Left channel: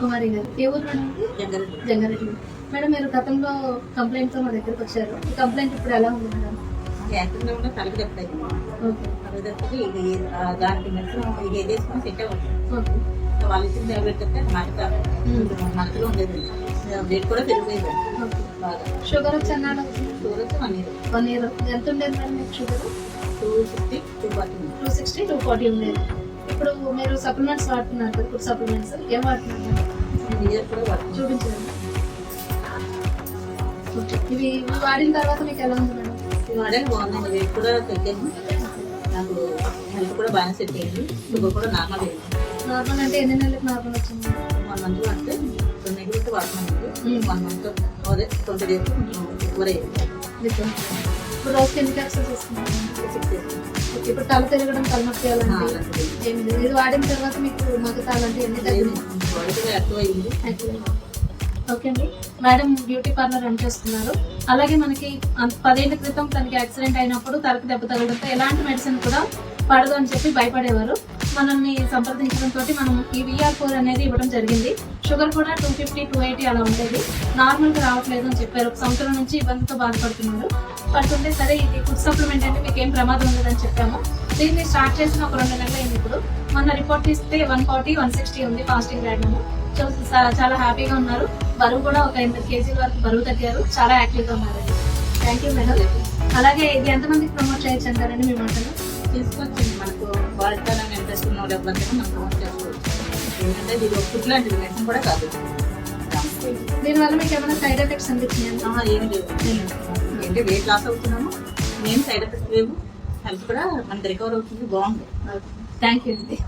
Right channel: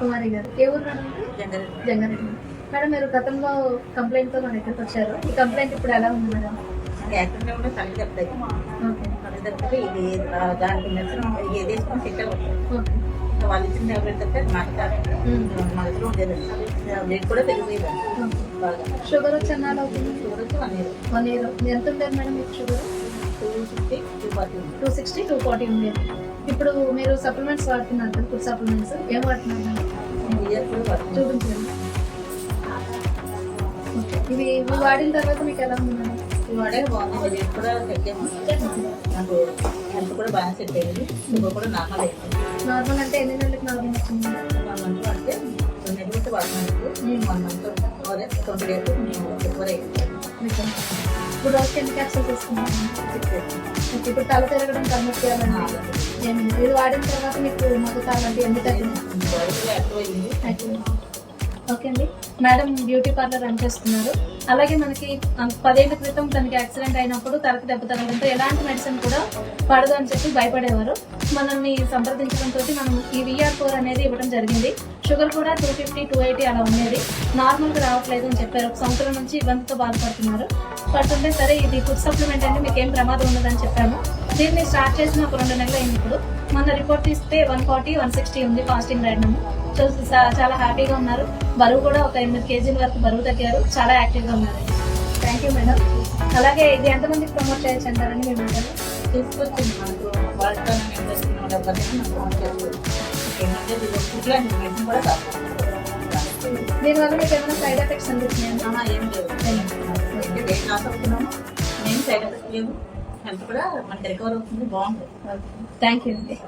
కుమారి గారు ఏ ఊరు madam? Jangareddy. Madam మీరు గతంలో కంప్లైంట్ తో మా దగ్గరికి వచ్చారు. ఈ కంప్లైంట్ ఇప్పుడు ఎలా ఉంది మేడం? యాక్టివ్గా ఉన్న తల్లి తప్పలేదు. ఓకే. తల్లి తప్పితే ఇది దానికి మెడిసిన్ ఇది ఏదేసుకుని సెట్ అవుతుంది. ఓకే. వాళ్ళు ఇచ్చిన టాబ్లెట్ తప్పితే మగతలో ఉండేదండి. వెయిట్ కూడా పెరిగిపోయేదండి బాగా. షుగర్ వచ్చి అన్నాడు అవుతుంది? షుగర్ వచ్చి 1 year. ఎంత ఉండేది మేడం మీకు షుగర్? 260, 240 ఉంది. 260, 240 ఉండేది. ఇప్పుడు మీరు సప్లిమెంట్స్ వాడుతున్నారు కదా, ఫుడ్ సప్లిమెంట్స్ ఏం వాడుతున్నారు మేడం? చూపించండి. ఓకే. ఇవి వాడిన తర్వాత మీకు ఎలా ఉంది మేడం? ఇవి వాడే బాగుందండి. వెయిట్ కూడా తగ్గాము. నాకు హెల్త్ కూడా బాగానే సెట్ అయ్యింది. షుగర్ కూడా నార్మల్ అయింది. నార్మల్ అంటే ఎన్ని నెలలకు నార్మల్ వచ్చింది? 1 month వాడితే 2 నెలలకు వాడినాను. 1 month అదే 20 days కొంచెం ఎక్కువ అయ్యింది. ఇప్పుడు రోజుకి ఎన్ని క్యాప్సూల్స్ తీసుకున్నాను? 6 days. ఓకే. ఇప్పుడు తల తిరగడం, తలనొప్పి అలాంటి ఏమి లేదు. ఇది వాడిన తర్వాత మీకు మగత అలాంటివి అన్ని తగ్గినాయి? బాడీ కూడా ఎక్కువ అయింది. ఓకే అండి. మేడం బ్యూటీ పార్లర్ రన్ చేస్తున్నారు. అలాగే మనకి 10 ఏళ్ల క్రితం తనకి యాక్సిడెంట్ అయినప్పుడు తలకి దెబ్బ తగలడంతో ఎలాంటి మెడిసిన్ కూడా పడదు అని చెప్పి భయపడేవారు. మనల్ని సంప్రదించడంతో మనం ఈ VR4 అనేది ఇవ్వడం జరిగింది. షుగర్ కూడా 250, 280 అలా ఉండేది. నార్మల్గా రావట్లేదు అని చెప్పారు. 1 సంవత్సరం నుంచి ఇబ్బందితో బాధపడుతున్నారు. పడుతుంటే సరే ఇది ఫుడ్ సప్లిమెంట్ అంటే మీకు ఏం ప్రమాదం ఉండదని చెప్పాము. దీన్ని స్టార్ట్ చేసిన ఒక 2 నెలలు అయింది. ఇప్పుడు మన రిపోర్ట్ తీస్తే 140, 160 ఉంది ఫాస్టింగ్ రాయడము. చాలా హ్యాపీగా ఉన్నారు. బరువు కూడా ఒక 8 kg వరకు బరువు తగ్గారు. చాలా యాక్టివ్గా ఉన్నారండి. Thank you madam. అలాగే ఇది ఎంతమందికి ప్రమోట్ చేయొచ్చు అంటారండి మీ మాటలు? తీసుకొచ్చింది మనకు వాడుకోవాలని ఇంట్రెస్ట్ ఉన్న ఎవరినైనా మనం ప్రమోట్ చేసుకోవచ్చు. ఏంటంటే ఇది ఫుడ్ లాంటిది, మెడిసిన్ కూడా కాదు. దీనివల్ల మీకు ఏమైనా సైడ్ ఎఫెక్ట్స్ అనిపించినాయా? ఏం లేవు. అంటే వెయిట్ లాస్ అవుతున్నాము, మెయిన్ సైడ్ ఎఫెక్ట్స్ లేవు. హెల్త్ కూడా మనకి రికవర్ అవుతుంది. బాగుంది. థ్యాంక్ యూ అండి.